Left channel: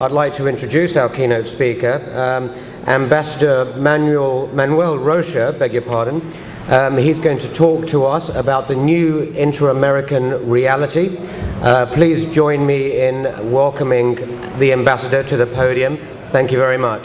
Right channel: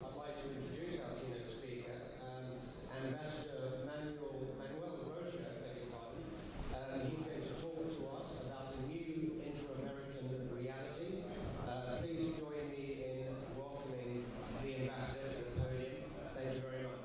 I'd like to introduce our keynote speaker, Ambassador Manuel Rocha, beg your pardon. He's going to talk to us about the new inter-American reality. Please join me in welcoming the ambassador to the podium. Thank you very much.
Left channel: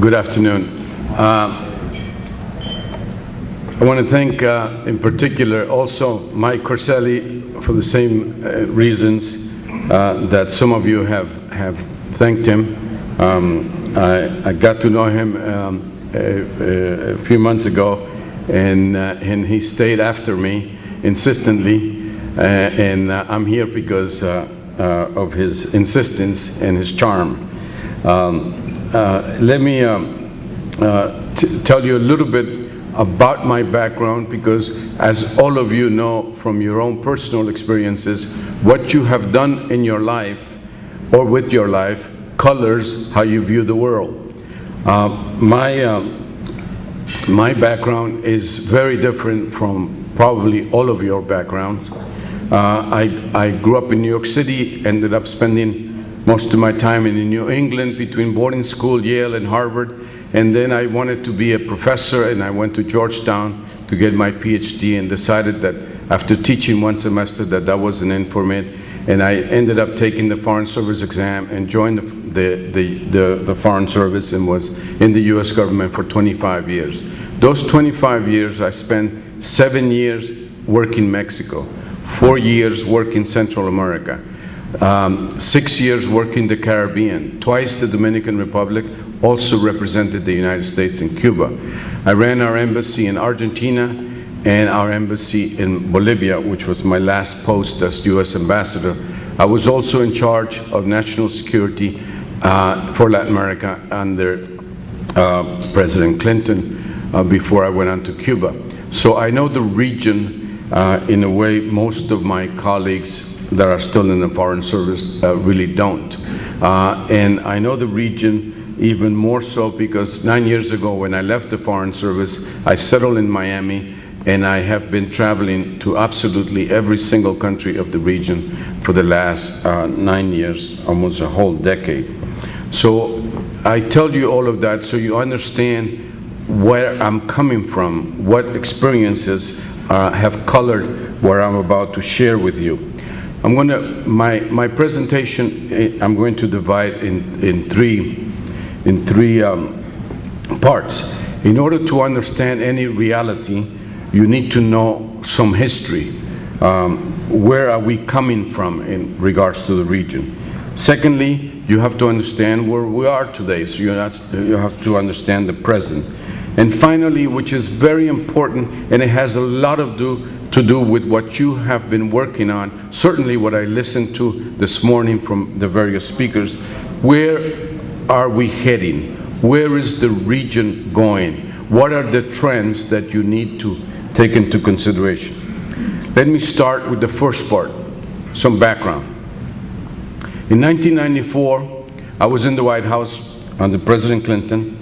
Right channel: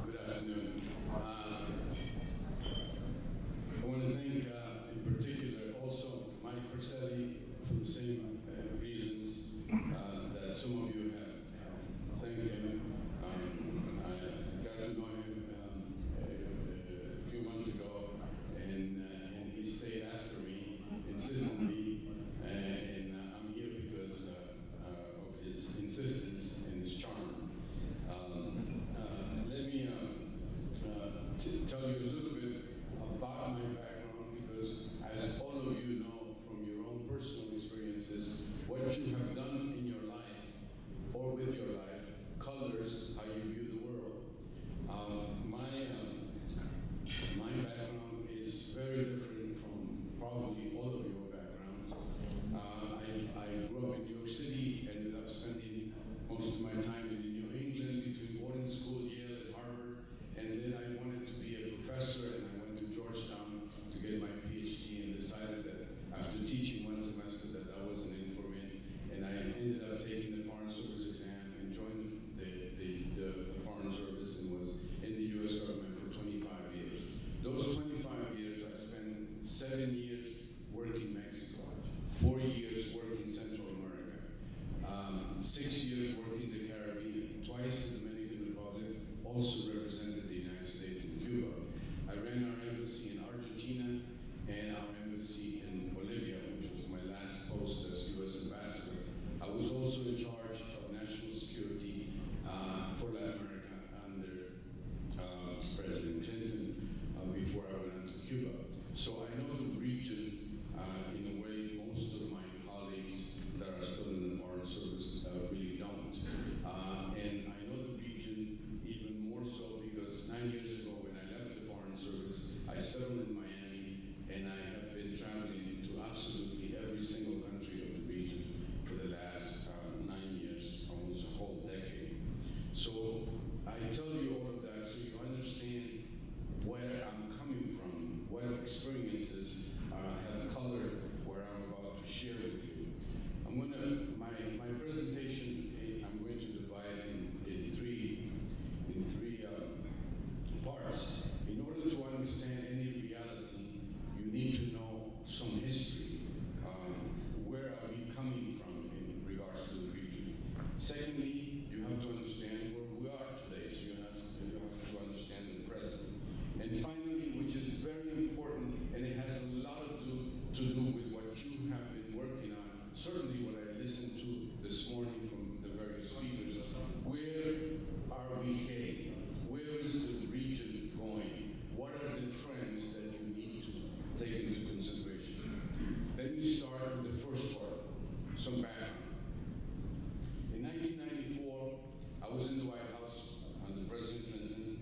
Good afternoon. I want to thank, in particular, also Mike Corselli for the same reasons that some of you have thanked him. I got to know him a few months ago, and he stayed after me insistently, and I'm here because of his insistence and his charm. Let me tell you a little bit about my background, because as all of you know from your own personal experiences, what you have done in your life or with your life colors how you view the world. My background is very different from probably all of your backgrounds. I grew up in New York City, ended up spending most of my time in New England between boarding school, Yale and Harvard, and then I wanted to be a professor, and I went to Georgetown to get my PhD, and decided that after teaching one semester that wasn't in for me, and I ended up taking the Foreign Service exam and joined the Foreign Service and was in the US government for 25 years. Those 25 years I spent 7 years working Mexico, 4 years working Central America, 6 years working the Caribbean, twice the Dominican Republic, also represented the United States and Cuba. I ran our embassy in Argentina and our embassy in Bolivia, which was my last post as US ambassador. I was also in charge of national security for Latin America under President Clinton before I went on to Cuba. So I know the region in a way most of my colleagues that are still in the Foreign Service really don't. And I know the region even more so because 9 years ago when I left the Foreign Service, I settled in Miami, and I have been traveling to absolutely every single country of the region for the last 9 years, almost a whole decade. So I tell you all of that so you understand where I'm coming from, what experiences have colored what I'm about to share with you. My presentation, I'm going to divide in three parts. In order to understand any reality, you need to know some history. Where are we coming from in regards to the region? Secondly, you have to understand where we are today, so you have to understand the present. And finally, which is very important, and it has a lot to do with what you have been working on, certainly what I listened to this morning from the various speakers, where are we heading? Where is the region going? What are the trends that you need to take into consideration? Let me start with the first part, some background. In 1994, I was in the White House under President Clinton,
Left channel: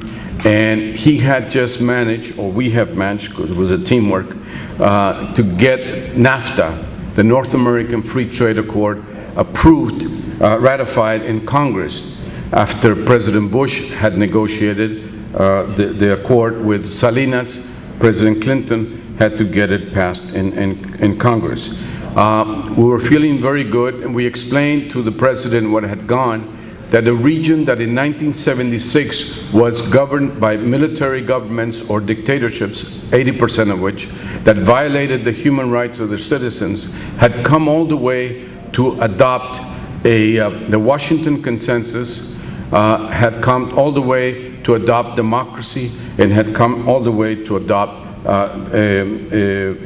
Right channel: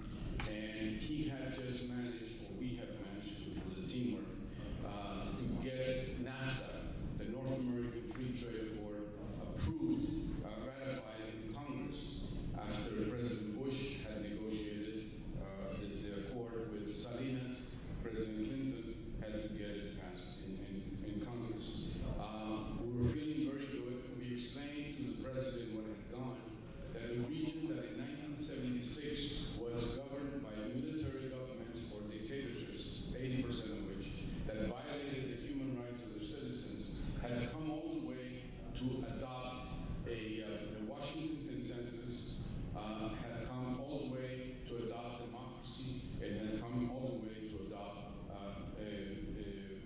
and he had just managed, or we have managed, because it was a teamwork, to get NAFTA, the North American Free Trade Accord, approved, ratified in Congress after President Bush had negotiated the accord with Salinas. President Clinton had to get it passed in Congress. We were feeling very good, and we explained to the President what had gone, that a region that in 1976 was governed by military governments or dictatorships, 80% of which, that violated the human rights of their citizens, had come all the way to adopt the Washington Consensus, had come all the way to adopt democracy, and had come all the way to adopt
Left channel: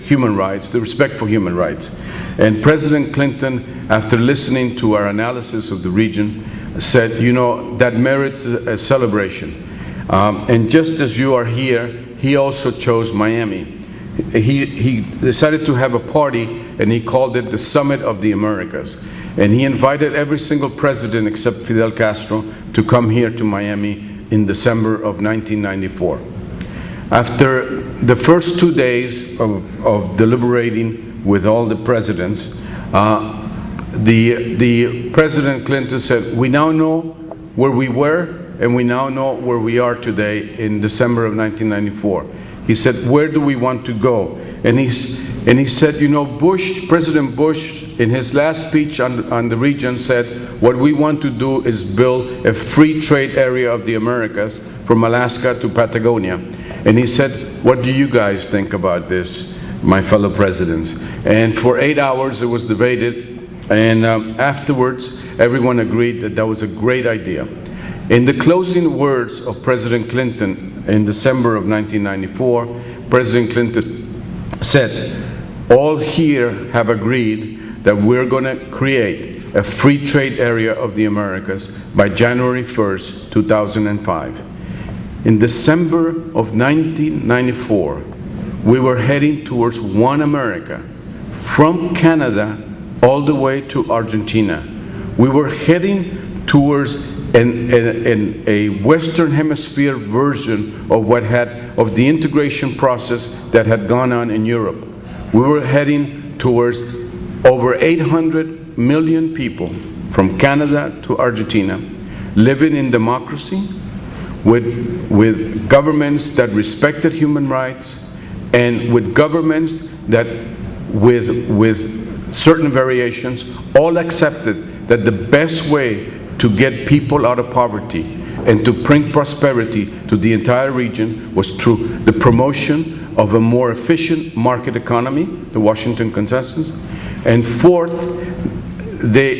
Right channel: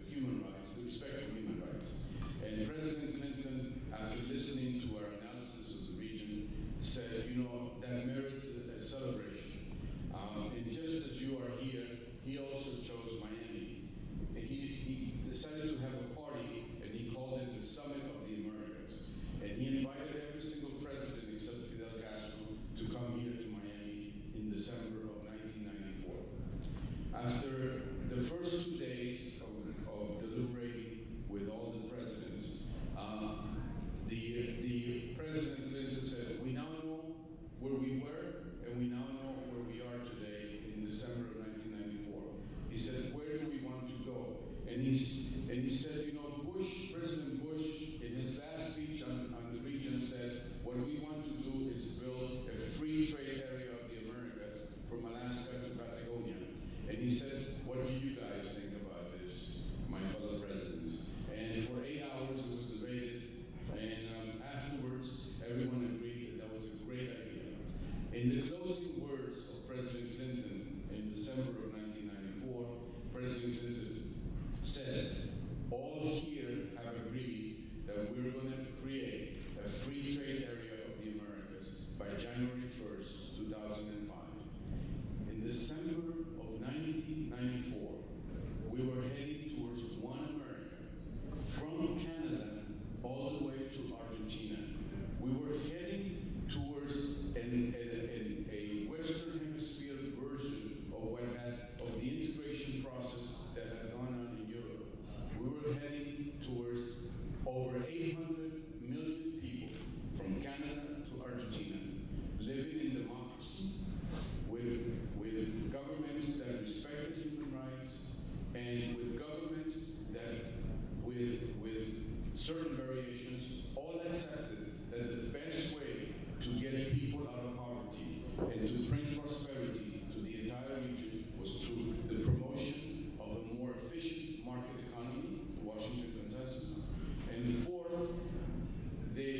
human rights, the respect for human rights. And President Clinton, after listening to our analysis of the region, said, you know, that merits a celebration. And just as you are here, he also chose Miami. He decided to have a party, and he called it the Summit of the Americas. And he invited every single president except Fidel Castro to come here to Miami in December of 1994. After the first 2 days of deliberating with all the presidents, the President Clinton said, we now know where we were and we now know where we are today in December of 1994. He said, where do we want to go? And he said, you know, President Bush, in his last speech on the region said, what we want to do is build a free trade area of the Americas from Alaska to Patagonia. And he said, what do you guys think about this, my fellow presidents? And for 8 hours it was debated, and afterwards everyone agreed that that was a great idea. In the closing words of President Clinton in December of 1994, President Clinton said, all here have agreed that we're going to create a free trade area of the Americas by January 1st, 2005. In December of 1994, we were heading towards one America, from Canada all the way to Argentina. We were heading towards a Western Hemisphere version of the integration process that had gone on in Europe. We were heading towards over 800 million people from Canada to Argentina, living in democracy, with governments that respected human rights, and with governments that, with certain variations, all accepted that the best way to get people out of poverty and to bring prosperity to the entire region was through the promotion of a more efficient market economy, the Washington Consensus. And fourth,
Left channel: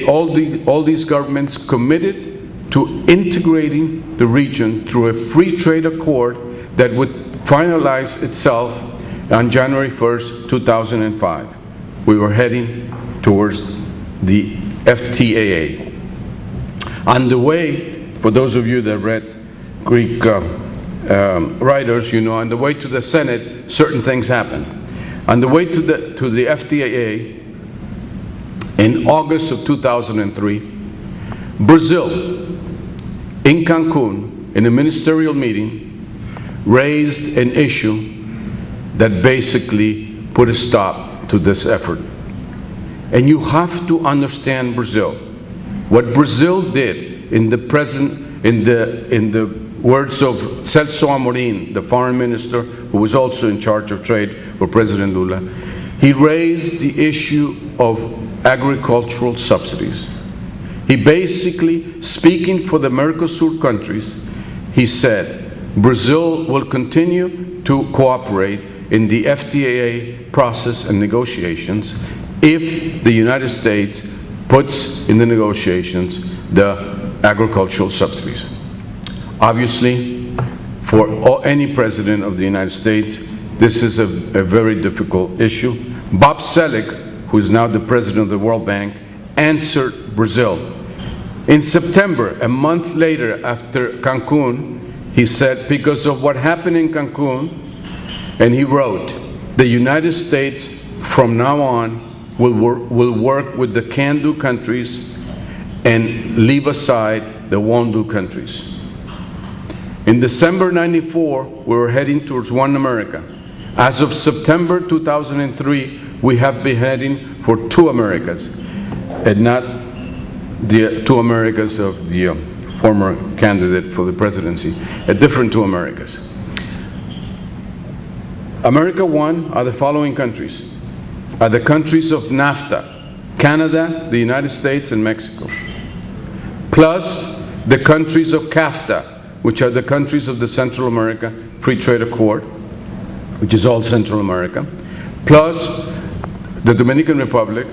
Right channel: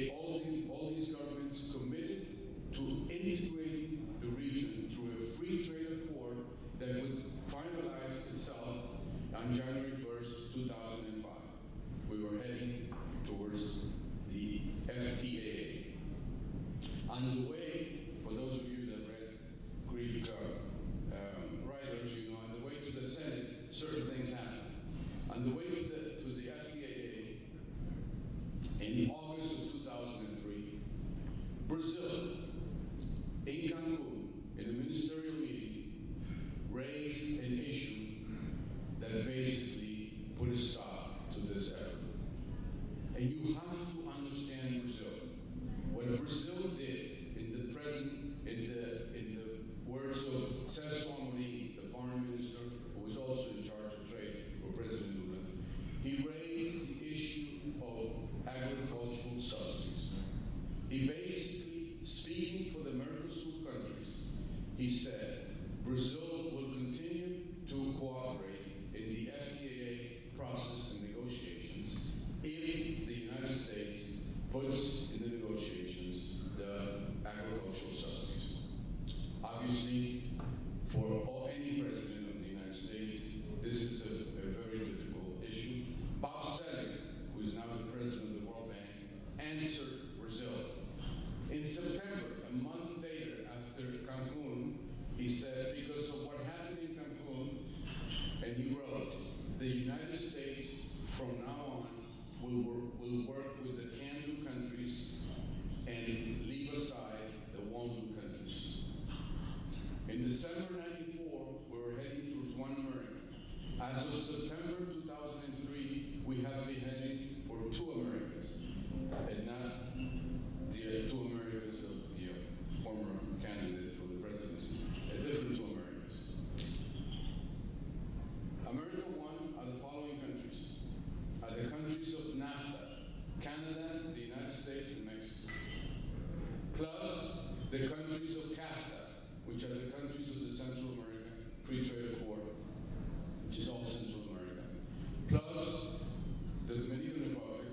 all these governments committed to integrating the region through a free trade accord that would finalize itself on January 1st, 2005. We were heading towards the FTAA. On the way, for those of you that read Greek writers, you know, on the way to the Senate, certain things happened. On the way to the FTAA, in August of 2003, Brazil, in Cancun, in a ministerial meeting, raised an issue that basically put a stop to this effort. And you have to understand Brazil. What Brazil did in the words of Celso Amorim, the foreign minister who was also in charge of trade for President Lula, he raised the issue of agricultural subsidies. He basically, speaking for the Mercosur countries, he said, Brazil will continue to cooperate in the FTAA process and negotiations if the United States puts in the negotiations the agricultural subsidies. Obviously, for any president of the United States, this is a very difficult issue. Bob Selig, who is now the president of the World Bank, answered Brazil. In September, a month later after Cancun, he said, because of what happened in Cancun, and he wrote, the United States from now on will work with the can-do countries and leave aside the won't-do countries. In December '94, we were heading towards one America. As of September 2003, we have been heading for two Americas, and not the two Americas of the former candidate for the presidency, a different two Americas. America 1 are the following countries. Are the countries of NAFTA, Canada, the United States, and Mexico, plus the countries of CAFTA, which are the countries of the Central America Free Trade Accord, which is all Central America, plus the Dominican Republic,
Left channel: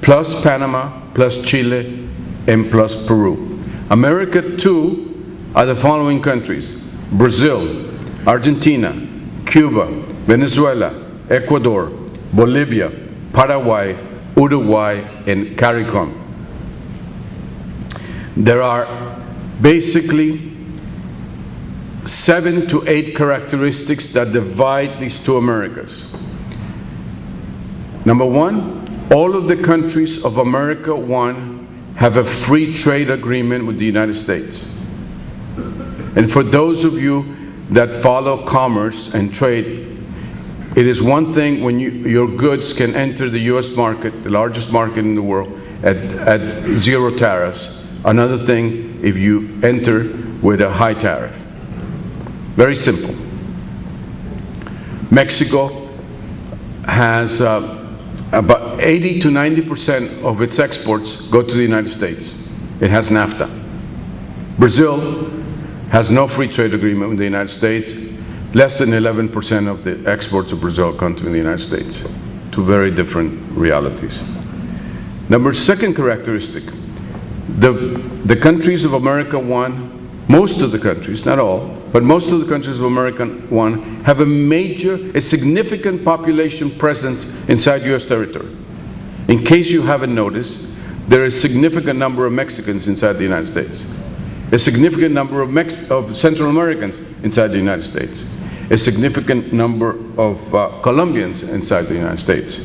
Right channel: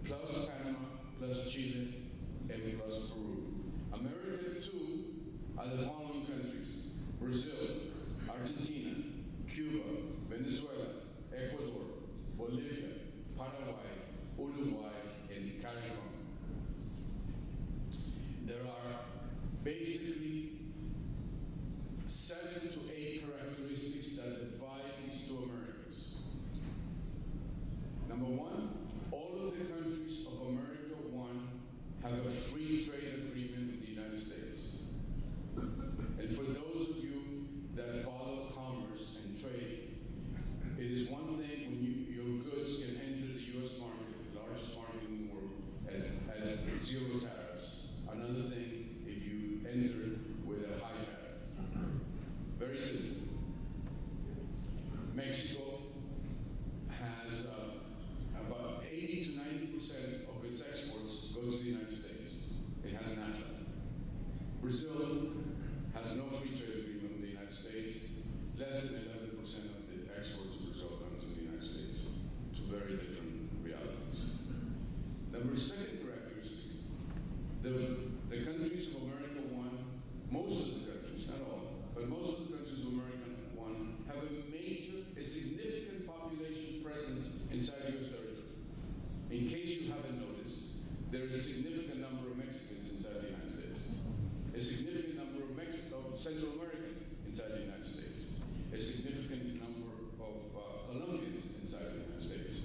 plus Panama, plus Chile, and plus Peru. America 2 are the following countries: Brazil, Argentina, Cuba, Venezuela, Ecuador, Bolivia, Paraguay, Uruguay, and CARICOM. There are basically 7 to 8 characteristics that divide these two Americas. Number one, all of the countries of America 1 have a free trade agreement with the United States. And for those of you that follow commerce and trade, it is one thing when your goods can enter the US market, the largest market in the world, at zero tariffs. Another thing if you enter with a high tariff. Very simple. Mexico has about 80 to 90% of its exports go to the United States. It has NAFTA. Brazil has no free trade agreement with the United States. Less than 11% of the exports of Brazil come to the United States. Two very different realities. Second characteristic, the countries of America 1, most of the countries, not all, but most of the countries of America 1 have a significant population presence inside US territory. In case you haven't noticed, there is a significant number of Mexicans inside the United States. A significant number of Central Americans inside the United States. A significant number of Colombians inside the United States.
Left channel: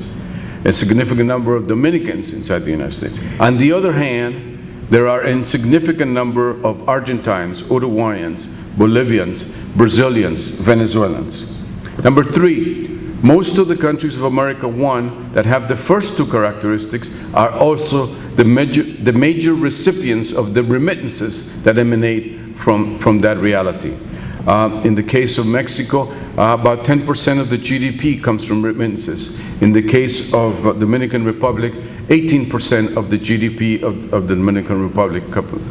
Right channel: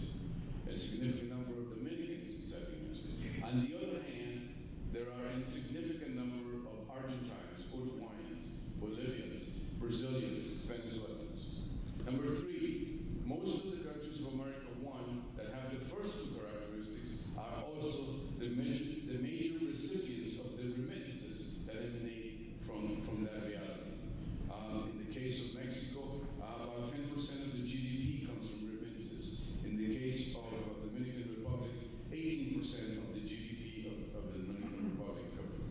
A significant number of Dominicans inside the United States. On the other hand, there are a insignificant number of Argentines, Uruguayans, Bolivians, Brazilians, Venezuelans. Number three, most of the countries of America 1 that have the first two characteristics are also the major recipients of the remittances that emanate from that reality. In the case of Mexico, about 10% of the GDP comes from remittances. In the case of Dominican Republic, 18% of the GDP of the Dominican Republic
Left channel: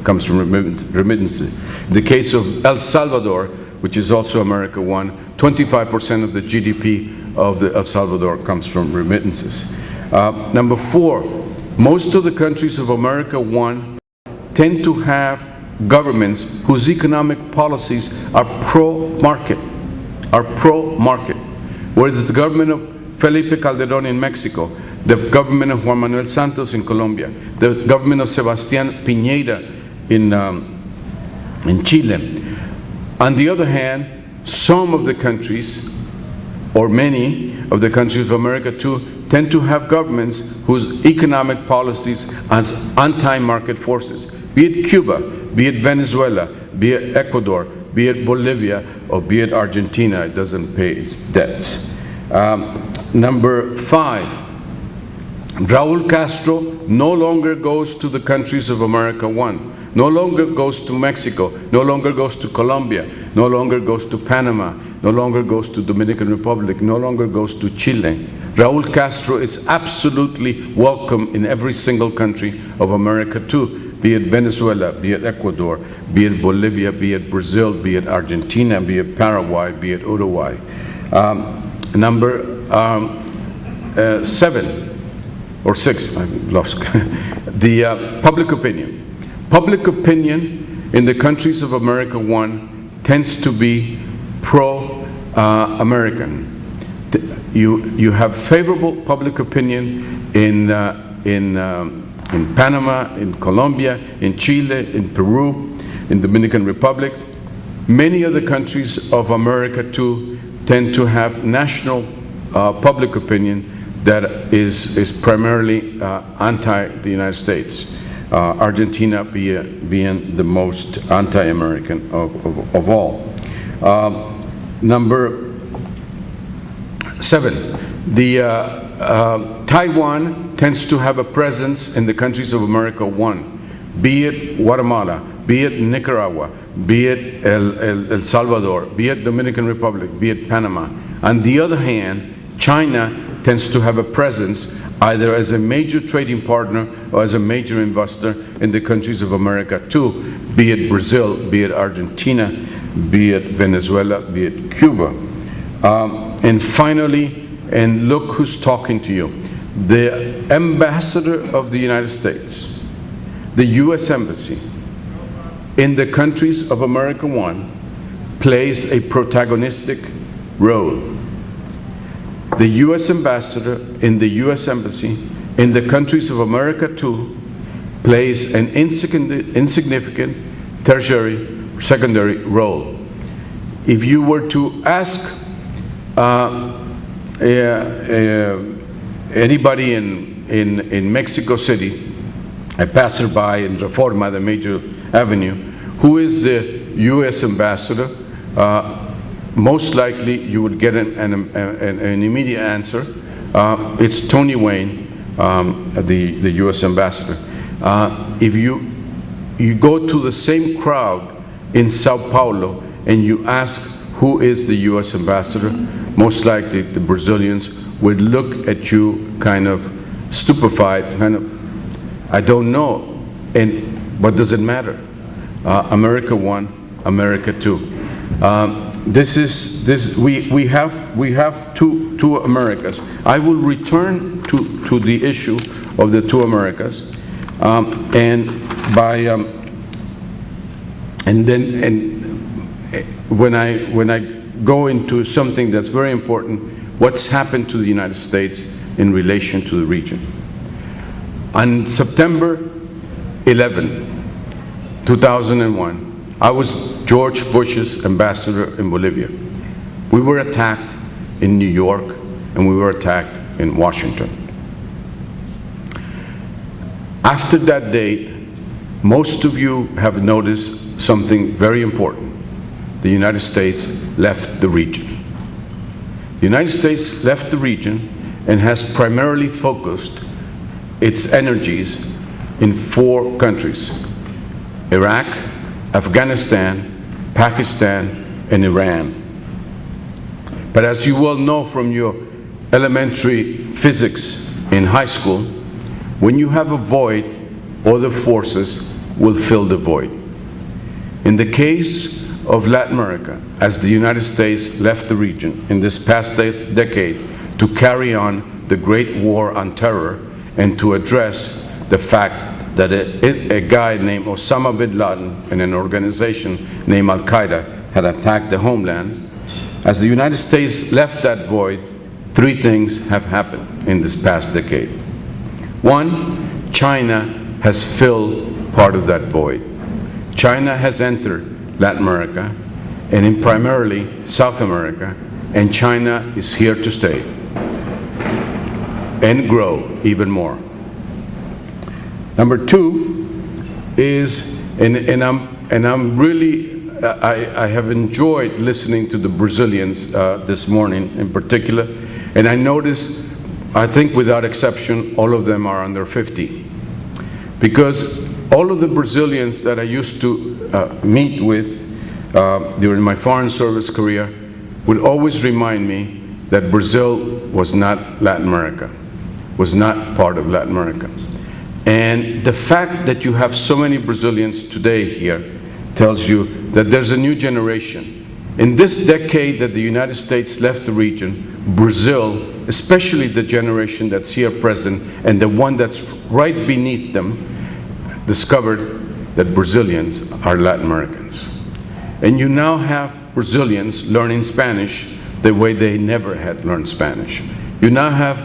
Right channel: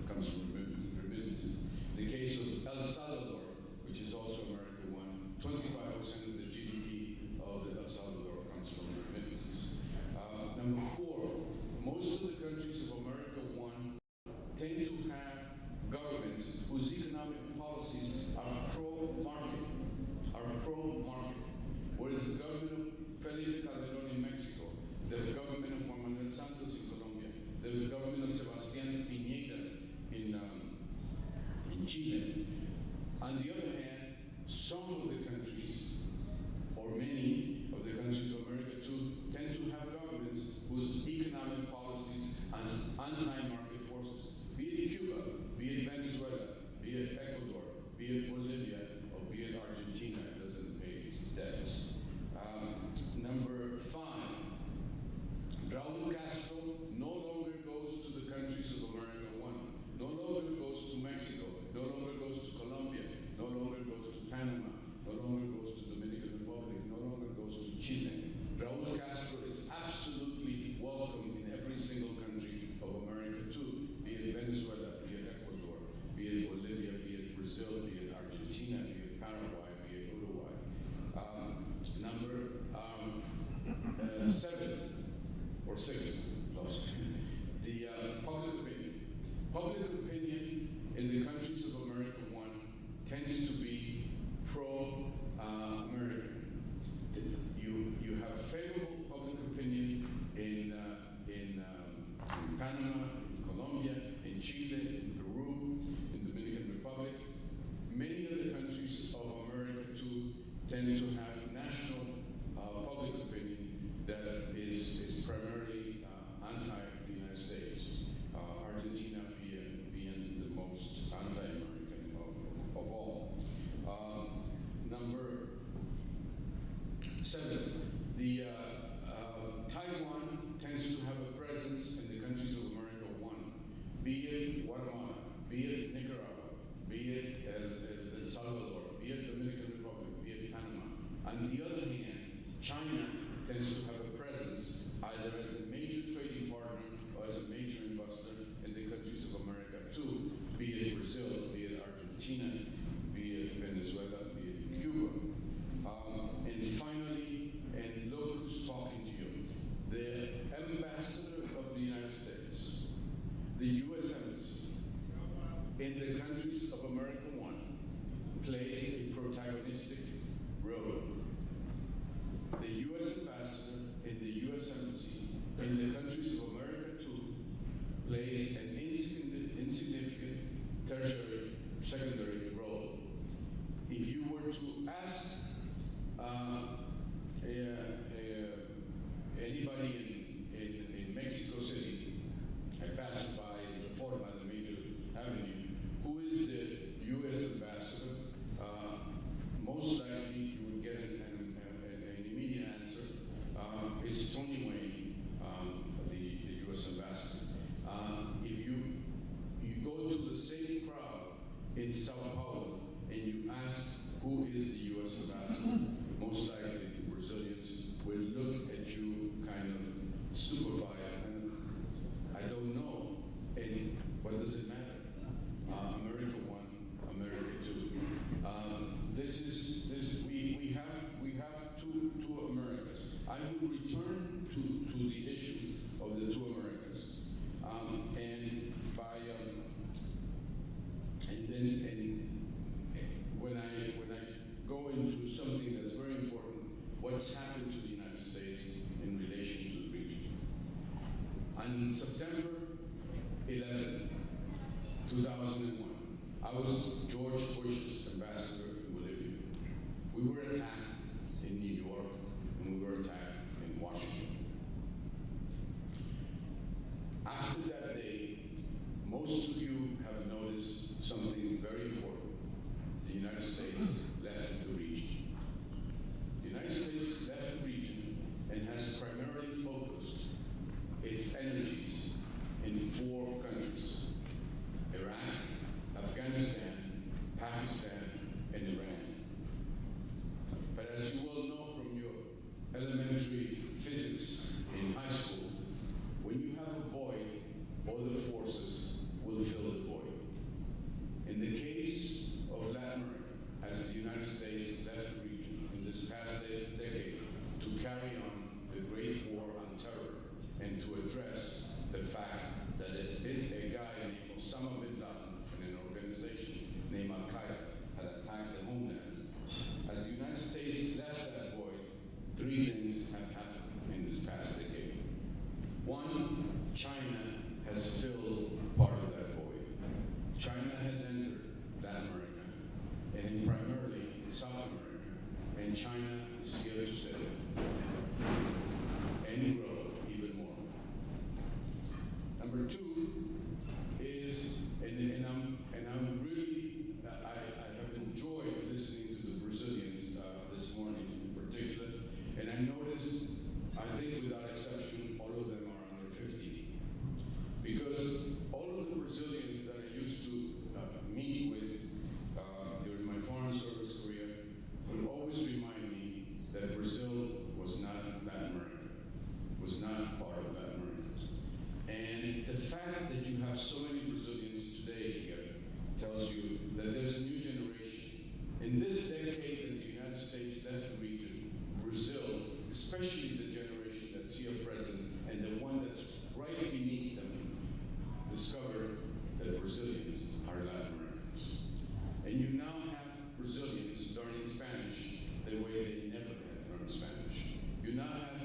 comes from remittances. In the case of El Salvador, which is also America 1, 25% of the GDP of El Salvador comes from remittances. Number four, most of the countries of America 1 tend to have governments whose economic policies are pro-market, whereas the government of Felipe Calderón in Mexico, the government of Juan Manuel Santos in Colombia, the government of Sebastián Piñera in Chile. On the other hand, some of the countries, or many of the countries of America too, tend to have governments whose economic policies are anti-market forces, be it Cuba, be it Venezuela, be it Ecuador, be it Bolivia, or be it Argentina. It doesn't pay its debts. Number five, Raul Castro no longer goes to the countries of America 1, no longer goes to Mexico, no longer goes to Colombia, no longer goes to Panama, no longer goes to Dominican Republic, no longer goes to Chile. Raul Castro is absolutely welcome in every single country of America too, be it Venezuela, be it Ecuador, be it Bolivia, be it Brazil, be it Argentina, be it Paraguay, be it Uruguay. Number seven, or six, I lost, the public opinion. Public opinion in the countries of America 1 tends to be pro-American. You have favorable public opinion in Panama, in Colombia, in Chile, in Peru, in Dominican Republic. Many other countries of America too tend to have national public opinion that is primarily anti the United States. Argentina being the most anti-American of all. Number seven, Taiwan tends to have a presence in the countries of America 1, be it Guatemala, be it Nicaragua, be it El Salvador, be it Dominican Republic, be it Panama. On the other hand, China tends to have a presence either as a major trading partner or as a major investor in the countries of America too, be it Brazil, be it Argentina, be it Venezuela, be it Cuba. And finally, and look who's talking to you, the ambassador of the United States, the US Embassy in the countries of America 1 plays a protagonistic role. The US Ambassador in the US Embassy in the countries of America 2 plays an insignificant tertiary, secondary role. If you were to ask anybody in Mexico City, a passerby in Reforma, the major avenue, who is the U.S. ambassador, most likely you would get an immediate answer. It's Tony Wayne, the U.S. ambassador. If you go to the same crowd in Sao Paulo and you ask who is the U.S. ambassador, most likely the Brazilians would look at you kind of stupefied, kind of, I don't know, and what does it matter? America one, America two. We have two Americas. I will return to the issue of the two Americas, when I go into something that's very important, what's happened to the United States in relation to the region. On September 11, 2001, I was George Bush's ambassador in Bolivia. We were attacked in New York and we were attacked in Washington. After that date, most of you have noticed something very important. The United States left the region. The United States left the region and has primarily focused its energies in 4 countries: Iraq, Afghanistan, Pakistan, and Iran. But as you well know from your elementary physics in high school, when you have a void, other forces will fill the void. In the case of Latin America, as the United States left the region in this past decade to carry on the Great War on Terror and to address the fact that a guy named Osama bin Laden and an organization named Al-Qaeda had attacked the homeland, as the United States left that void, 3 things have happened in this past decade. 1, China has filled part of that void. China has entered Latin America and in primarily South America, and China is here to stay and grow even more. Number 2 is, and I'm really, I have enjoyed listening to the Brazilians this morning in particular, and I noticed, I think without exception, all of them are under 50. Because all of the Brazilians that I used to meet with during my foreign service career would always remind me that Brazil was not Latin America, was not part of Latin America. And the fact that you have so many Brazilians today here tells you that there's a new generation. In this decade that the United States left the region, Brazil, especially the generation that's here present and the one that's right beneath them, discovered that Brazilians are Latin Americans. And you now have Brazilians learning Spanish the way they never had learned Spanish. You now have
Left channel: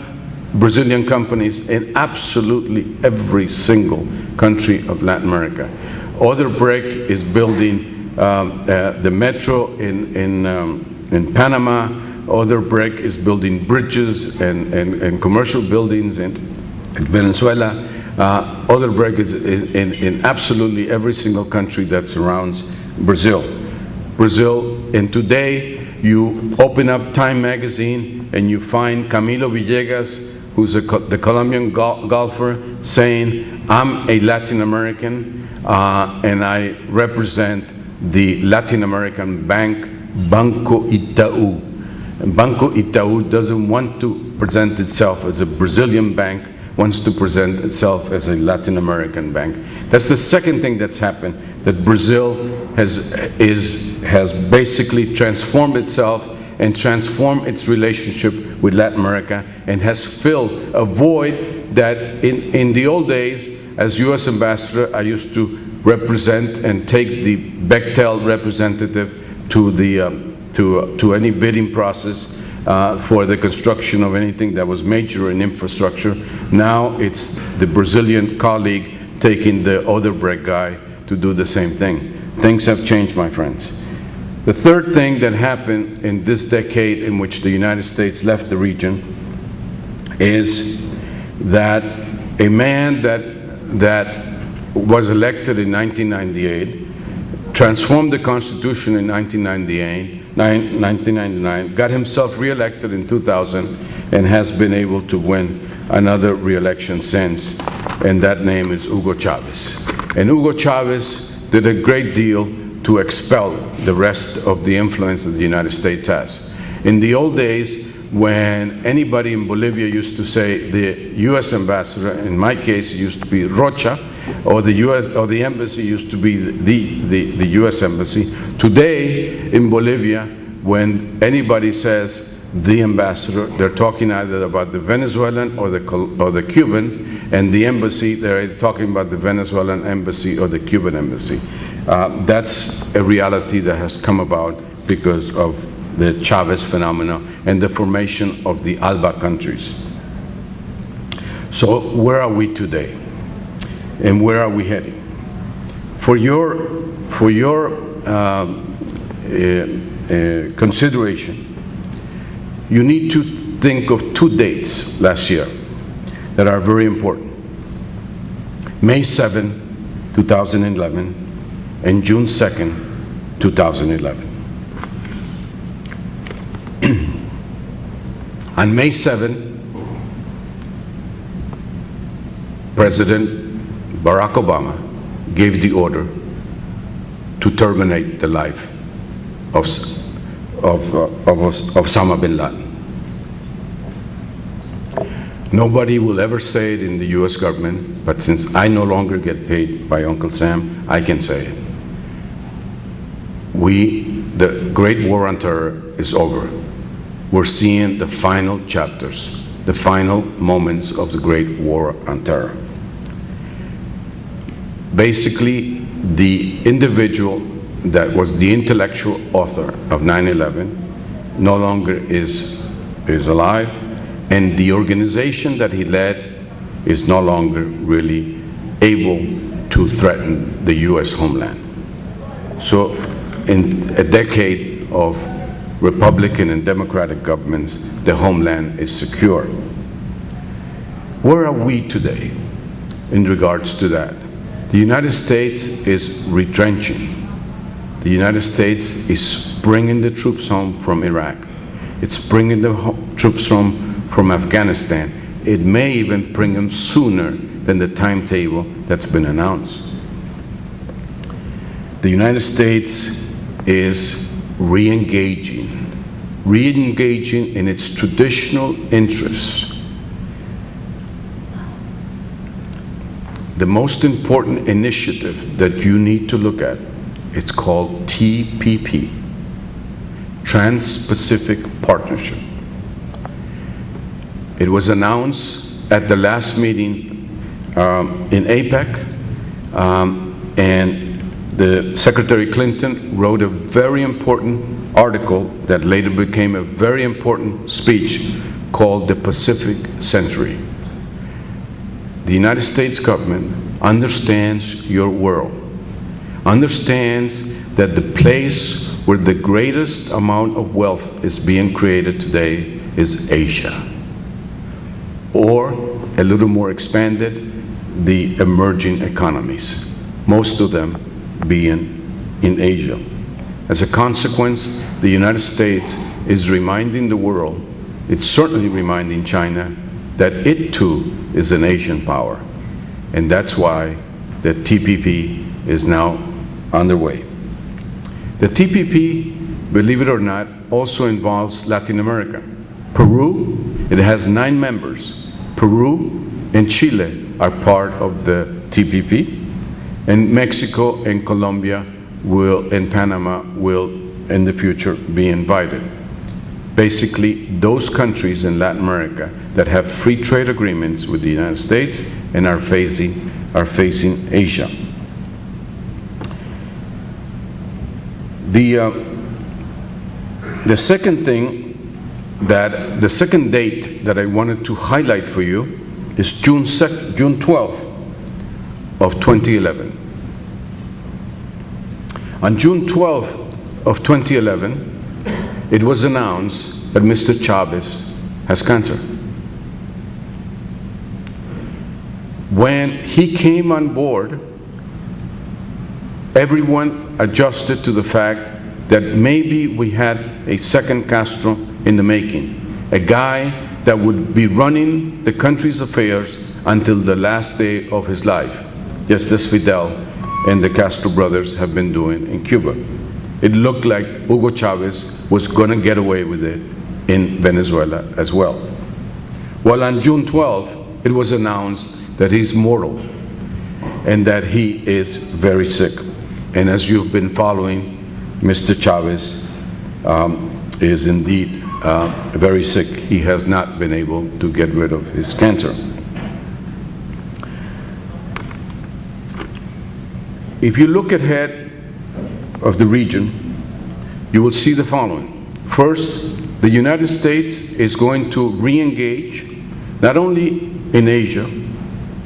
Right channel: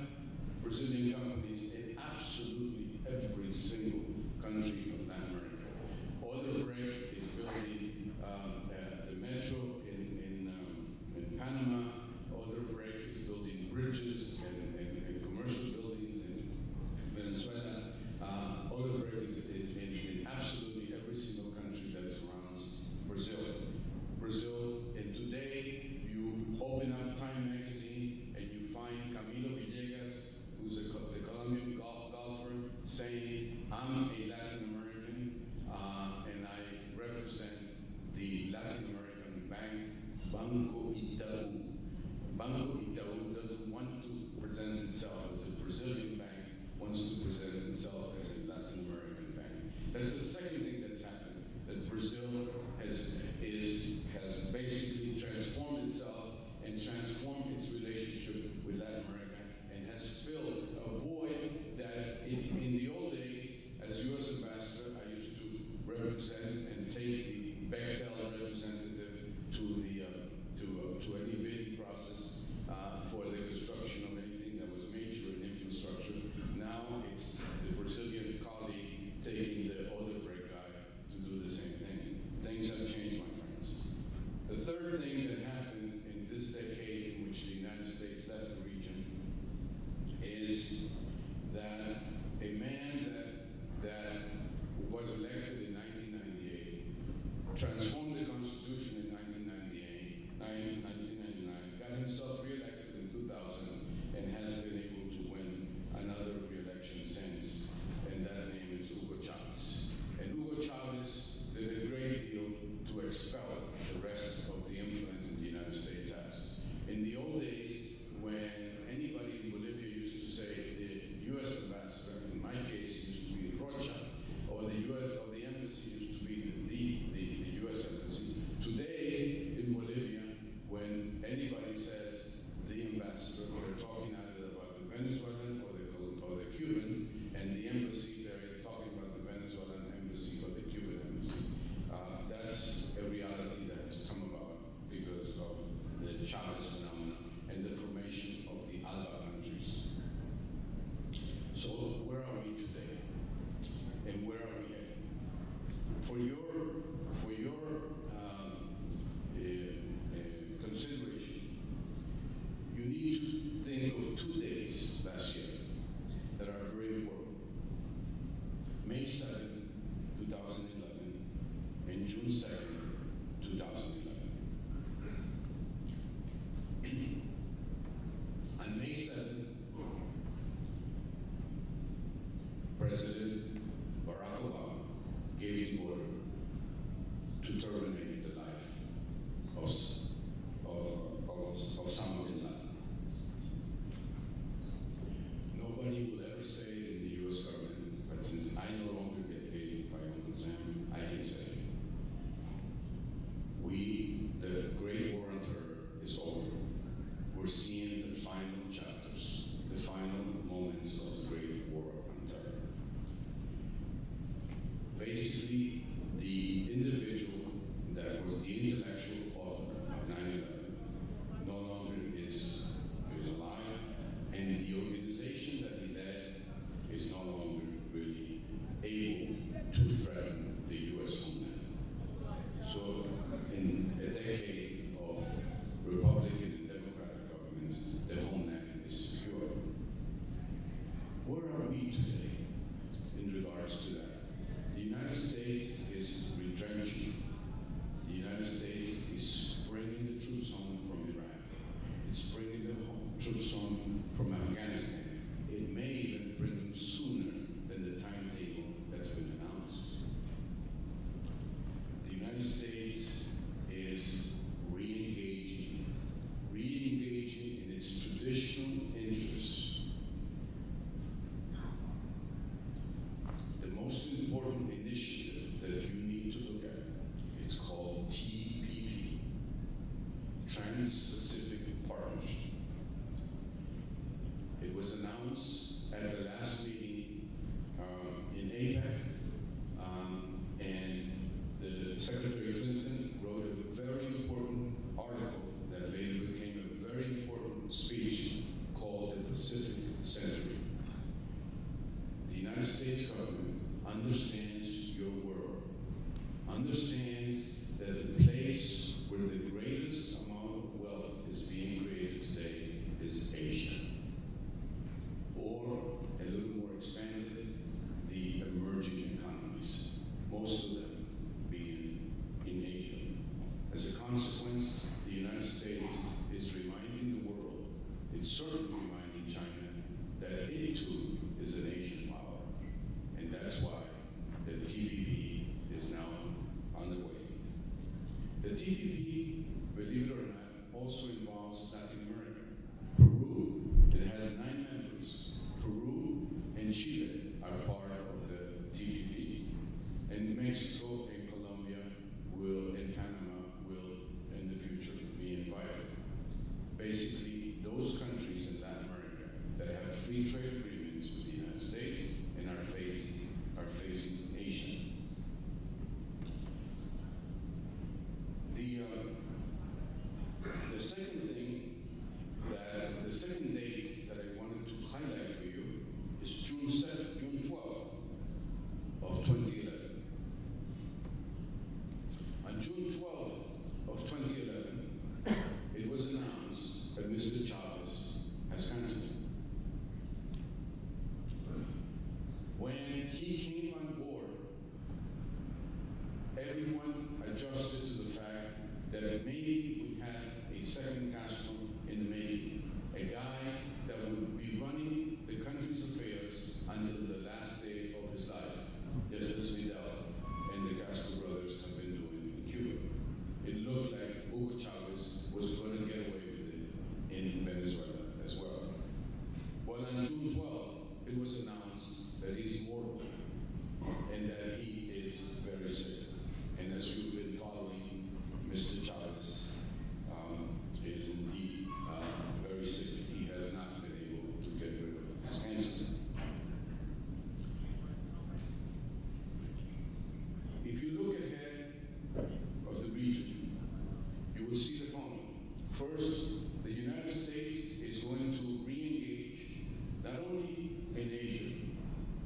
Brazilian companies in absolutely every single country of Latin America. Odebrecht is building the metro in Panama. Odebrecht is building bridges and commercial buildings in Venezuela. Odebrecht is in absolutely every single country that surrounds Brazil. And today you open up Time magazine and you find Camilo Villegas, who's the Colombian golfer, saying, I'm a Latin American and I represent the Latin American bank, Banco Itaú. And Banco Itaú doesn't want to present itself as a Brazilian bank, wants to present itself as a Latin American bank. That's the second thing that's happened, that Brazil has basically transformed itself and transformed its relationship with Latin America and has filled a void that in the old days, as U.S. ambassador, I used to represent and take the Bechtel representative to any bidding process for the construction of anything that was major in infrastructure. Now it's the Brazilian colleague taking the Odebrecht guy to do the same thing. Things have changed, my friends. The third thing that happened in this decade in which the United States left the region is that a man that was elected in 1998 transformed the Constitution in 1999, got himself reelected in 2000, and has been able to win another reelection since, and that name is Hugo Chavez. And Hugo Chavez did a great deal to expel the rest of the influence that the United States has. In the old days, when anybody in Bolivia used to say the U.S. ambassador, in my case it used to be Rocha, or the U.S. or the embassy used to be the U.S. embassy. Today in Bolivia, when anybody says the ambassador, they're talking either about the Venezuelan or the Cuban, and the embassy, they're talking about the Venezuelan embassy or the Cuban embassy. That's a reality that has come about because of the Chavez phenomena and the formation of the ALBA countries. So where are we today? And where are we heading? For your consideration, you need to think of two dates last year that are very important. May 7, 2011, and June 2nd, 2011. On May 7, President Barack Obama gave the order to terminate the life of Osama bin Laden. Nobody will ever say it in the US government, but since I no longer get paid by Uncle Sam, I can say it. The Great War on Terror is over. We're seeing the final chapters, the final moments of the Great War on Terror. Basically, the individual that was the intellectual author of 9/11 no longer is alive, and the organization that he led is no longer really able to threaten the US homeland. So in a decade of Republican and Democratic governments, the homeland is secure. Where are we today in regards to that? The United States is retrenching. The United States is bringing the troops home from Iraq. It's bringing the troops home from Afghanistan. It may even bring them sooner than the timetable that's been announced. The United States is re-engaging in its traditional interests. The most important initiative that you need to look at, it's called TPP, Trans-Pacific Partnership. It was announced at the last meeting in APEC, and the Secretary Clinton wrote a very important article that later became a very important speech called the Pacific Century. The United States government understands your world, understands that the place where the greatest amount of wealth is being created today is Asia, or a little more expanded, the emerging economies, most of them being in Asia. As a consequence, the United States is reminding the world, it's certainly reminding China, that it too is an Asian power. And that's why the TPP is now underway. The TPP, believe it or not, also involves Latin America. Peru, it has 9 members. Peru and Chile are part of the TPP, and Mexico and Colombia and Panama will in the future be invited. Basically, those countries in Latin America that have free trade agreements with the United States and are facing Asia. The second date that I wanted to highlight for you is June 12th of 2011. On June 12th of 2011, it was announced that Mr. Chavez has cancer. When he came on board, everyone adjusted to the fact that maybe we had a second Castro in the making, a guy that would be running the country's affairs until the last day of his life, just as Fidel and the Castro brothers have been doing in Cuba. It looked like Hugo Chavez was going to get away with it in Venezuela as well. Well, on June 12th, it was announced that he's mortal and that he is very sick. And as you've been following, Mr. Chavez is indeed very sick. He has not been able to get rid of his cancer. If you look ahead of the region, you will see the following. First, the United States is going to re-engage not only in Asia,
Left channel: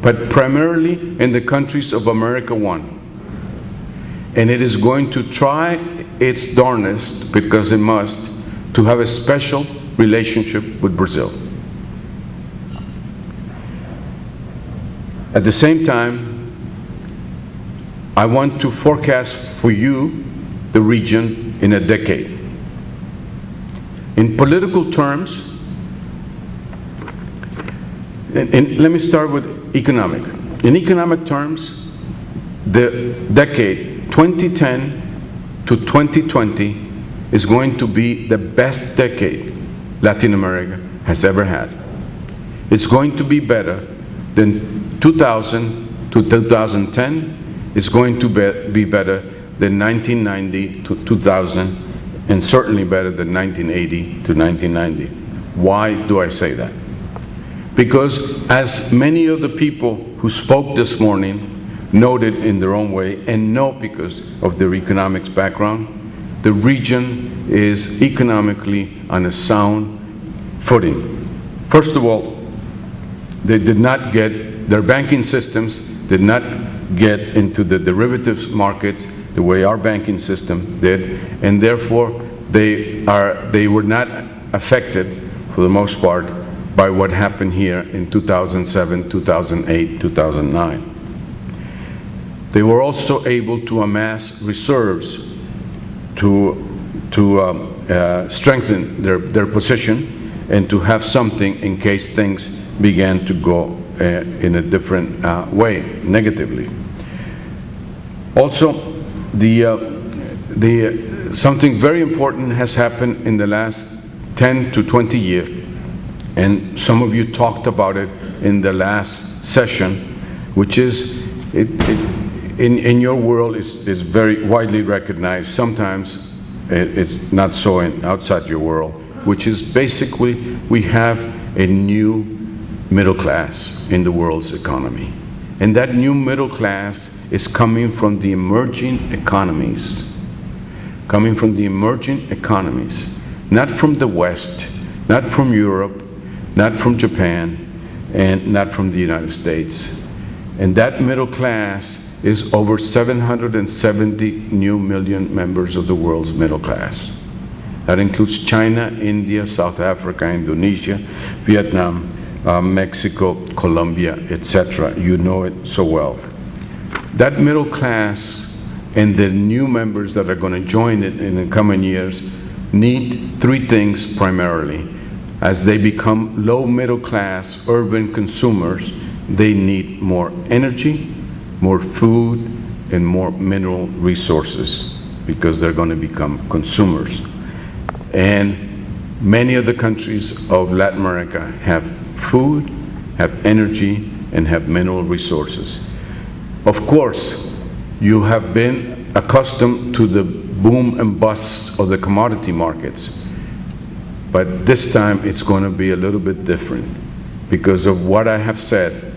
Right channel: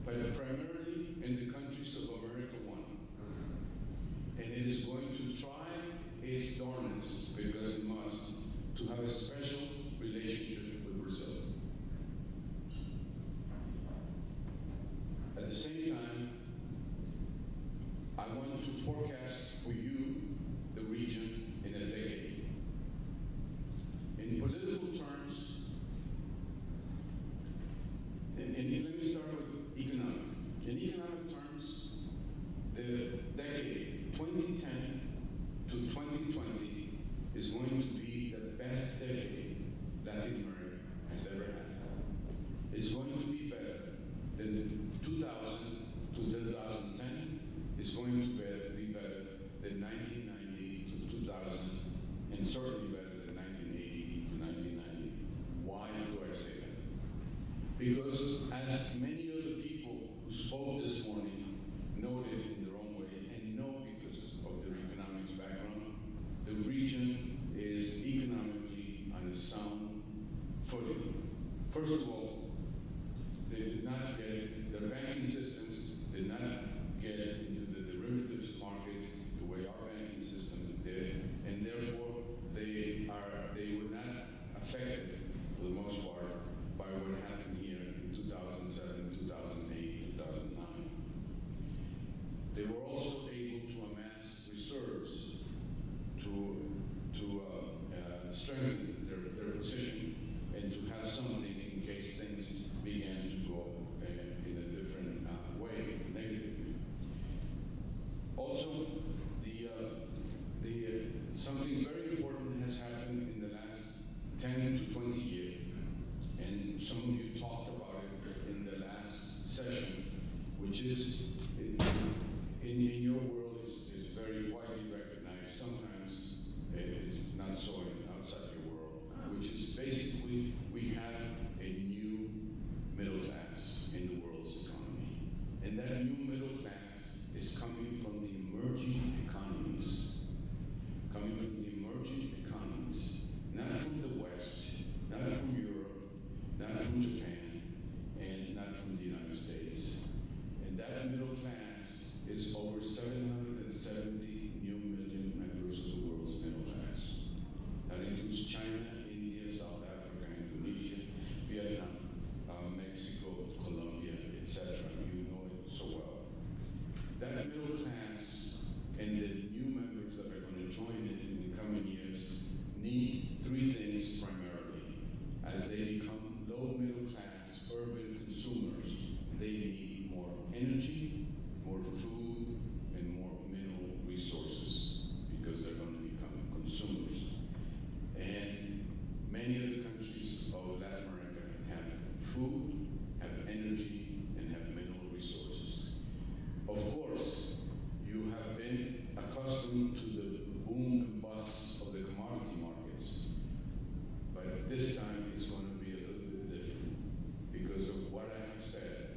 but primarily in the countries of America One. And it is going to try its darnest, because it must, to have a special relationship with Brazil. At the same time, I want to forecast for you the region in a decade. In political terms, and let me start with economic. In economic terms, the decade 2010 to 2020 is going to be the best decade Latin America has ever had. It's going to be better than 2000 to 2010. It's going to be better than 1990 to 2000, and certainly better than 1980 to 1990. Why do I say that? Because as many of the people who spoke this morning noted in their own way, and know because of their economics background, the region is economically on a sound footing. First of all, they did not get, their banking systems did not get into the derivatives markets the way our banking system did, and therefore they were not affected, for the most part, by what happened here in 2007, 2008, 2009. They were also able to amass reserves to strengthen their position and to have something in case things began to go in a different way, negatively. Also, something very important has happened in the last 10 to 20 years, and some of you talked about it in the last session, which is, in your world is very widely recognized. Sometimes it's not so outside your world, which is basically we have a new middle class in the world's economy. And that new middle class is coming from the emerging economies. Coming from the emerging economies. Not from the West, not from Europe, not from Japan, and not from the United States. And that middle class is over 770 new million members of the world's middle class. That includes China, India, South Africa, Indonesia, Vietnam, Mexico, Colombia, etc. You know it so well. That middle class and the new members that are going to join it in the coming years need three things primarily. As they become low middle class urban consumers, they need more energy, more food, and more mineral resources, because they're going to become consumers. And many of the countries of Latin America have food, have energy, and have mineral resources. Of course, you have been accustomed to the boom and busts of the commodity markets, but this time it's going to be a little bit different. Because of what I have said,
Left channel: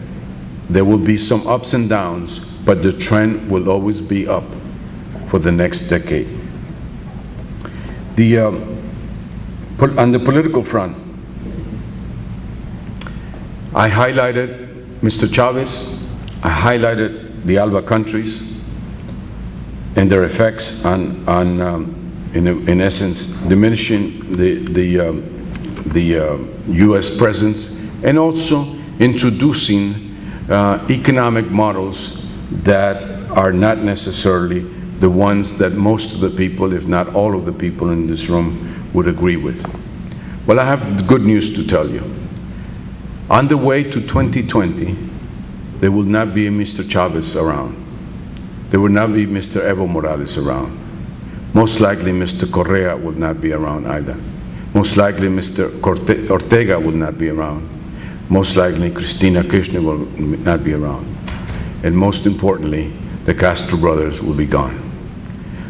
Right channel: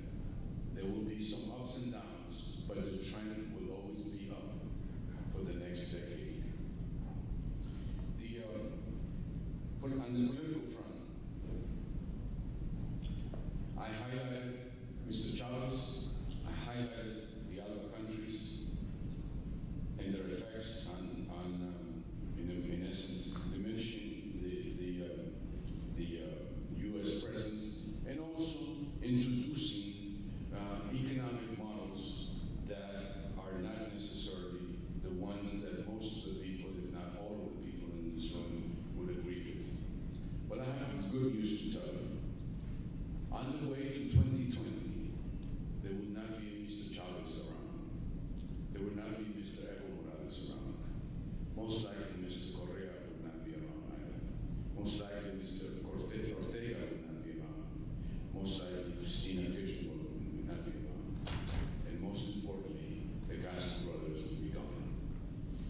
there will be some ups and downs, but the trend will always be up for the next decade. On the political front, I highlighted Mr. Chavez, I highlighted the ALBA countries and their effects on in essence, diminishing the U.S. presence, and also introducing economic models that are not necessarily the ones that most of the people, if not all of the people in this room, would agree with. Well, I have good news to tell you. On the way to 2020, there will not be a Mr. Chavez around. There will not be Mr. Evo Morales around. Most likely Mr. Correa will not be around either. Most likely Mr. Ortega will not be around. Most likely Cristina Kirchner will not be around. And most importantly, the Castro brothers will be gone.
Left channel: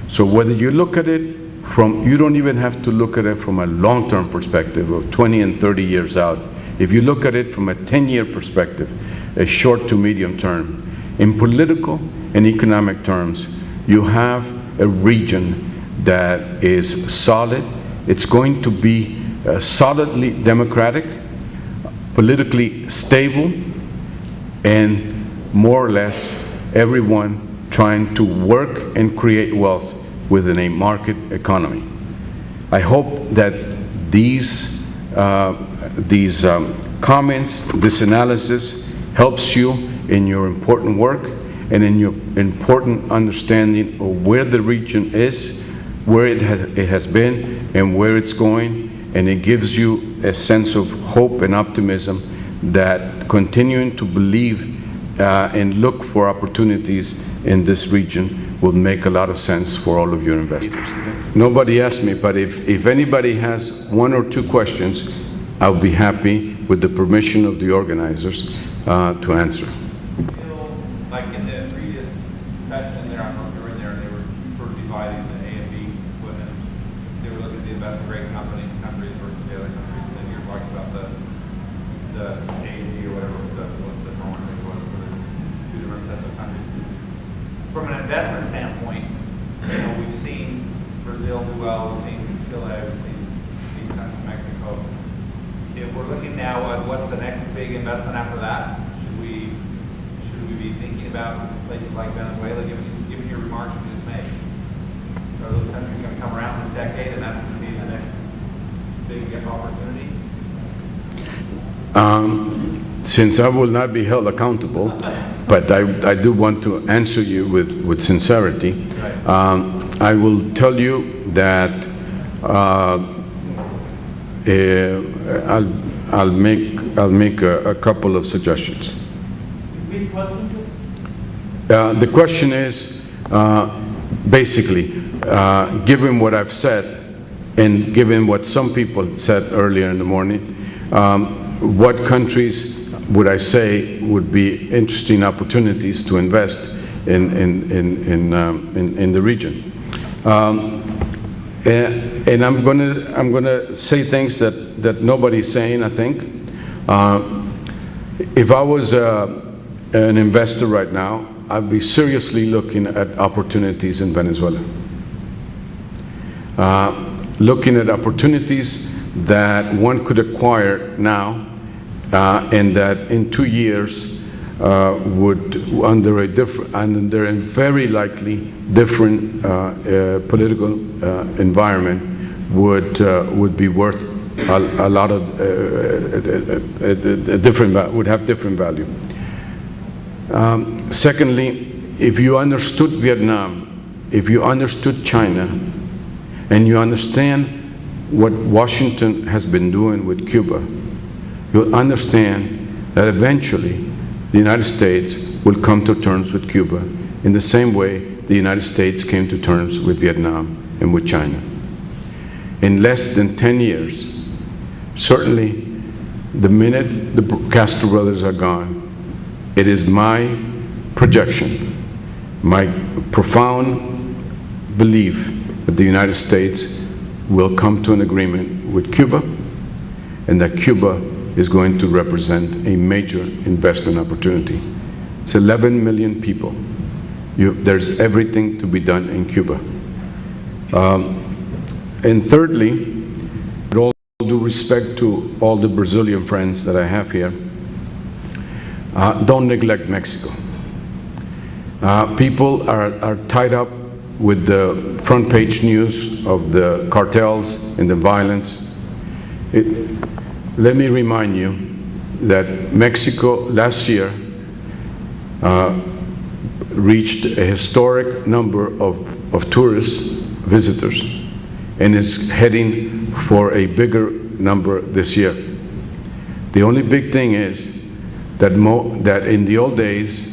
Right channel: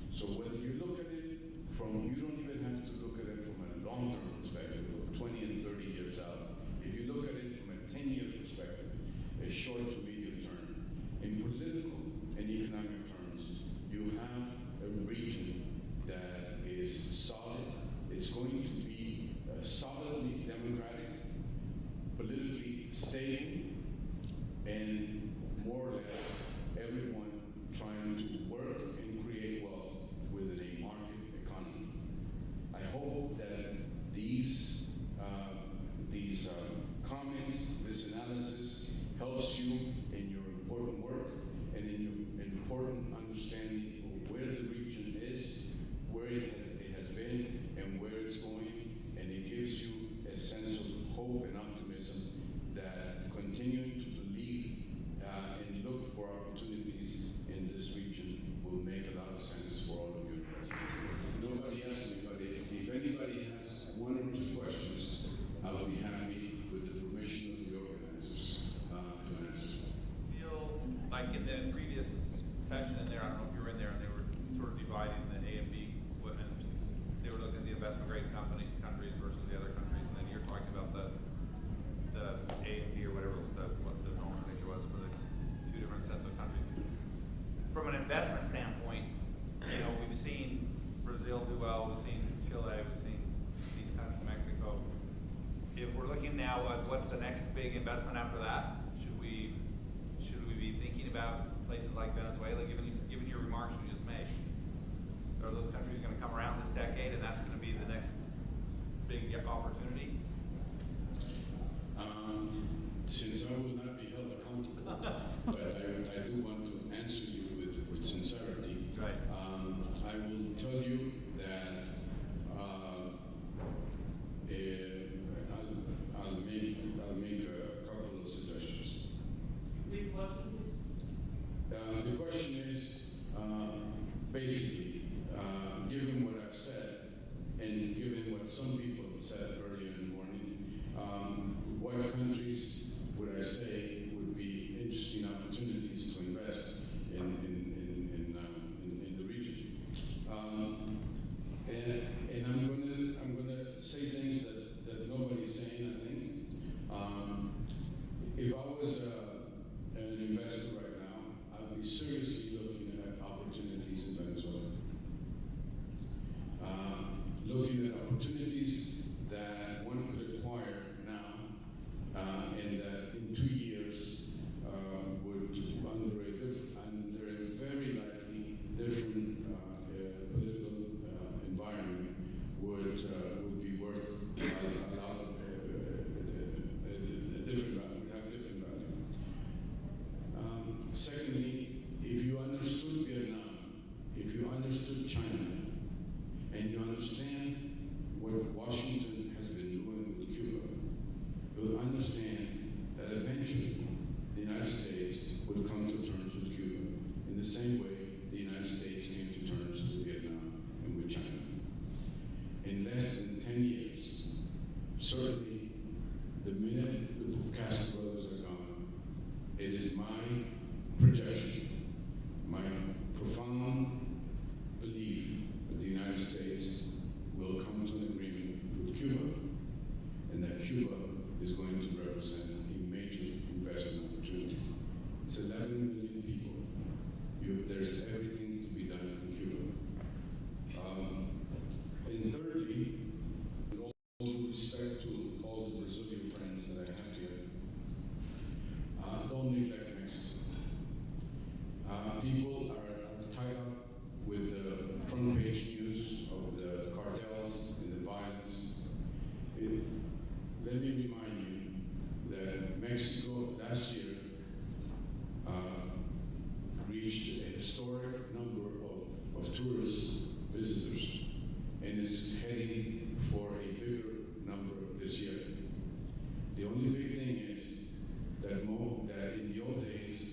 So whether you look at it from, you don't even have to look at it from a long-term perspective of 20 and 30 years out. If you look at it from a 10-year perspective, a short to medium term, in political and economic terms, you have a region that is solid. It's going to be solidly democratic, politically stable, and more or less everyone trying to work and create wealth within a market economy. I hope that these comments, this analysis helps you in your important work and in your important understanding of where the region is, where it has been, and where it's going, and it gives you a sense of hope and optimism that continuing to believe and look for opportunities in this region will make a lot of sense for all of your investors. Nobody asked me, but if anybody has one or two questions, I'll be happy, with the permission of the organizers, to answer. Like in the previous session there, I don't know if you were in there, and they were sort of dividing the A and B equipment. They were looking at the investment grade countries versus the other countries, and then you're talking about the A and B or whatever what the norm was for the two different sets of countries. From an investment standpoint, you know, we've seen Brazil do well, we've seen Chile, we've seen these countries, Mexico. If we're looking now at what's the next big investment after that, should we be thinking about places like Venezuela, given your remarks you just made? Are those countries going to come around this decade, and that's going to be the next big opportunity? Since I will not be held accountable, but I do want to answer you with sincerity, right. I will tell you that I'll make a couple of suggestions. The question is, basically, given what I've said, and given what some people said earlier in the morning, what countries would I say would be interesting opportunities to invest in the region? And I'm gonna say things that nobody's saying, I think. If I was an investor right now, I'd be seriously looking at opportunities in Venezuela. Looking at opportunities that one could acquire now, and that in 2 years would, under a very likely different political environment, would be worth a lot of would have different value. Secondly, if you understood Vietnam, if you understood China, and you understand what Washington has been doing with Cuba, you'll understand that eventually the United States will come to terms with Cuba in the same way the United States came to terms with Vietnam and with China. In less than 10 years, certainly the minute the Castro brothers are gone, it is my projection, my profound belief that the United States will come to an agreement with Cuba, and that Cuba is going to represent a major investment opportunity. It's 11 million people. There's everything to be done in Cuba. And thirdly, with all due respect to all the Brazilian friends that I have here, don't neglect Mexico. People are tied up with the front page news of the cartels and the violence. Let me remind you that Mexico last year reached a historic number of tourist visitors and is heading for a bigger number this year. The only big thing is that in the old days,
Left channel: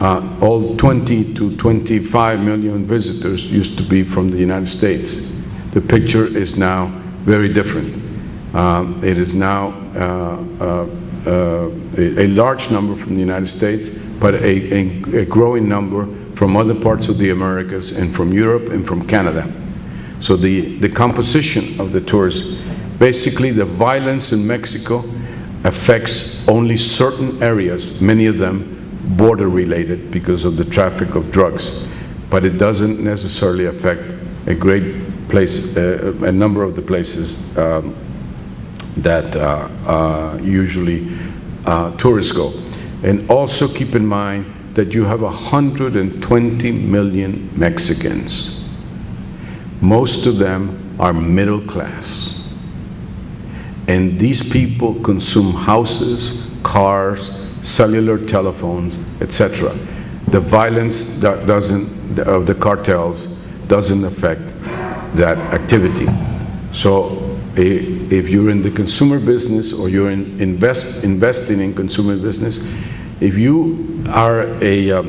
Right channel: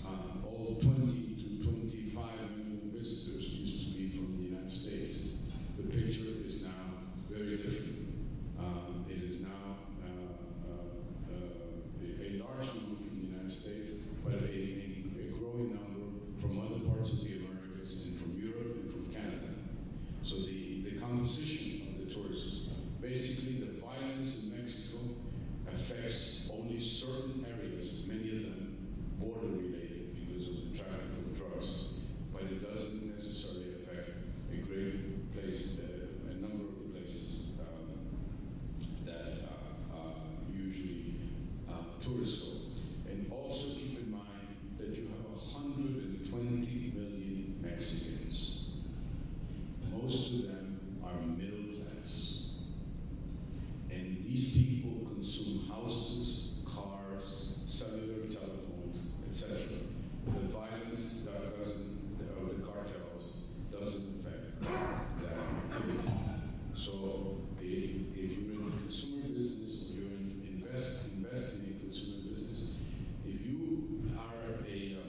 all 20 to 25 million visitors used to be from the United States. The picture is now very different. It is now a large number from the United States, but a growing number from other parts of the Americas and from Europe and from Canada. So the composition of the tourists, basically the violence in Mexico affects only certain areas, many of them border related because of the traffic of drugs, but it doesn't necessarily affect a great place, a number of the places that usually tourists go. And also keep in mind that you have 120 million Mexicans. Most of them are middle class. And these people consume houses, cars, cellular telephones, etc. The violence of the cartels doesn't affect that activity. So if you're in the consumer business or you're investing in consumer business, if you are a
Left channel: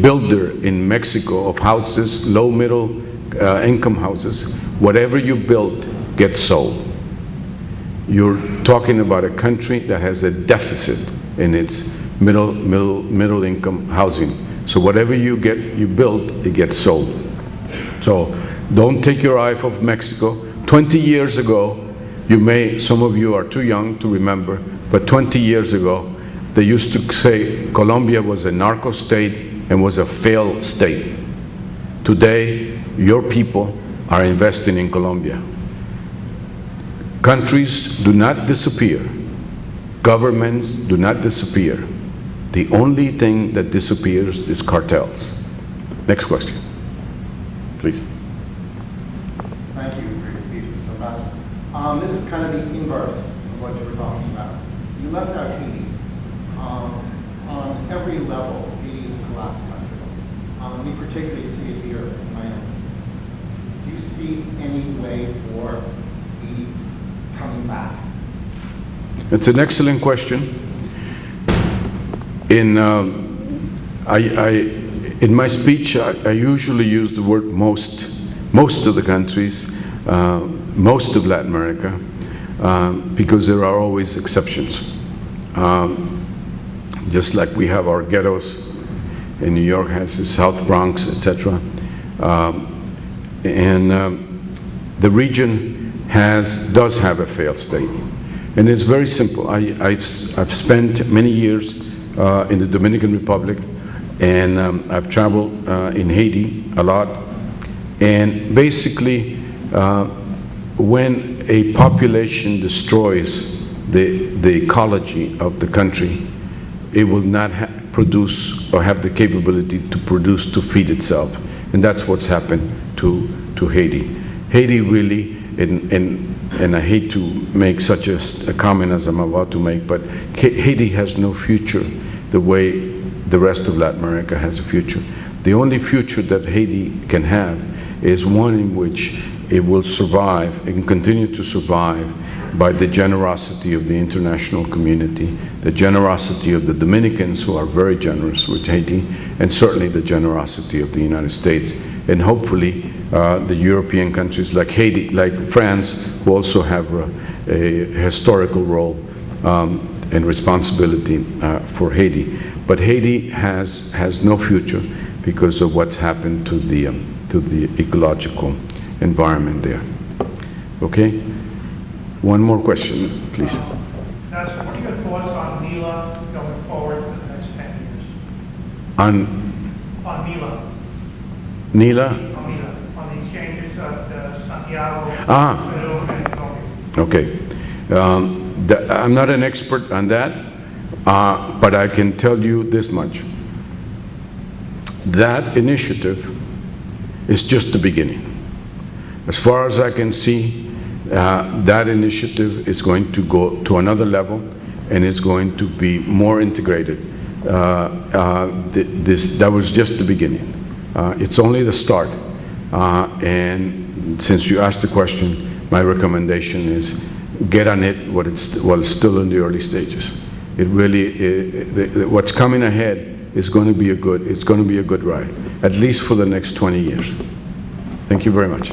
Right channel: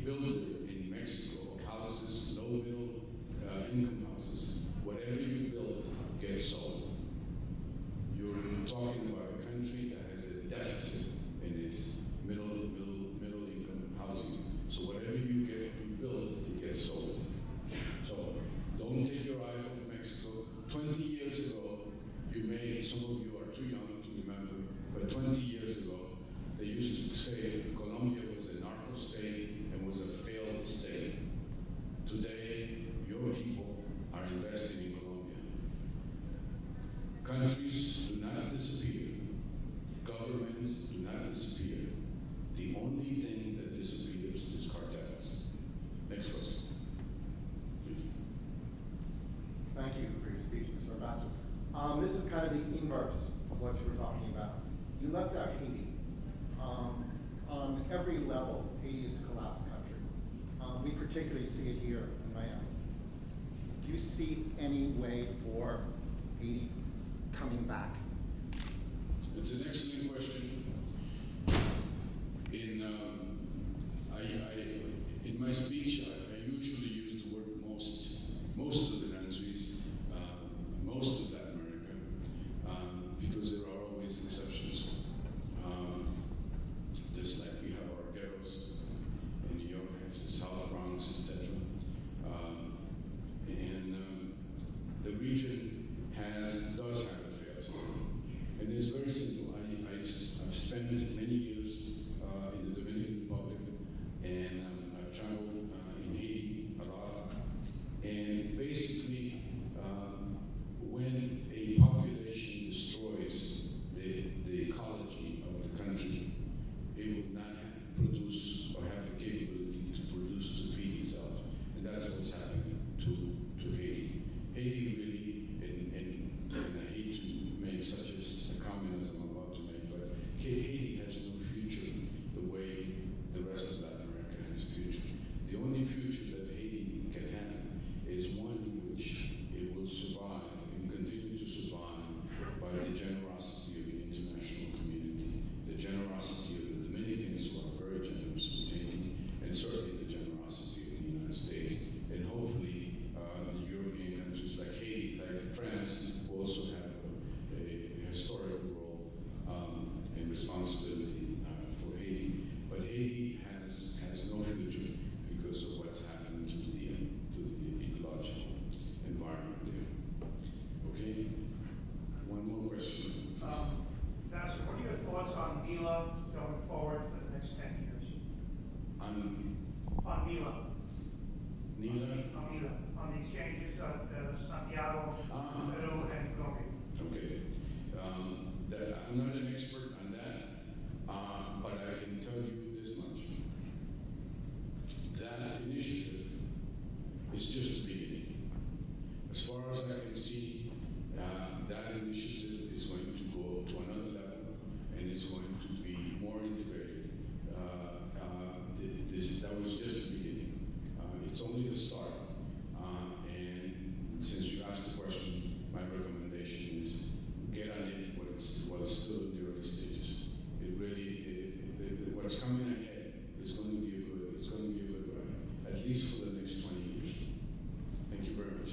builder in Mexico of houses, low middle income houses, whatever you build gets sold. You're talking about a country that has a deficit in its middle income housing. So whatever you build, it gets sold. So don't take your eye off Mexico. 20 years ago, some of you are too young to remember, but 20 years ago, they used to say Colombia was a narco state and was a failed state. Today, your people are investing in Colombia. Countries do not disappear. Governments do not disappear. The only thing that disappears is cartels. Next question, please. Thank you for your speech, Mr. Ambassador. This is kind of the inverse of what you were talking about. You left out Haiti. On every level, Haiti is a collapsed country. We particularly see it here in Manuel. Do you see any way for Haiti coming back? It's an excellent question. In my speech, I usually use the word most of the countries, most of Latin America, because there are always exceptions. Just like we have our ghettos, and New York has the South Bronx, etc. The region does have a failed state. And it's very simple. I've spent many years in the Dominican Republic, and I've traveled in Haiti a lot. And basically, when a population destroys the ecology of the country, it will not produce or have the capability to produce to feed itself. And that's what's happened to Haiti. Haiti really, and I hate to make such a comment as I'm about to make, but Haiti has no future the way the rest of Latin America has a future. The only future that Haiti can have is one in which it will survive and continue to survive by the generosity of the international community, the generosity of the Dominicans, who are very generous with Haiti, and certainly the generosity of the United States. And hopefully the European countries like Haiti, like France, who also have a historical role and responsibility for Haiti. But Haiti has no future because of what's happened to the ecological environment there. Okay? One more question, please. Castro, what are your thoughts on NILA going forward for the next 10 years? On NILA? NILA? On the exchanges of Santiago, Peru, and Colombia. Okay. I'm not an expert on that, but I can tell you this much. That initiative is just the beginning. As far as I can see, that initiative is going to go to another level and is going to be more integrated. that was just the beginning. It's only the start. And since you asked the question, my recommendation is get on it while it's still in the early stages. It really, what's coming ahead is going to be it's going to be a good ride, at least for the next 20 years. Thank you very much.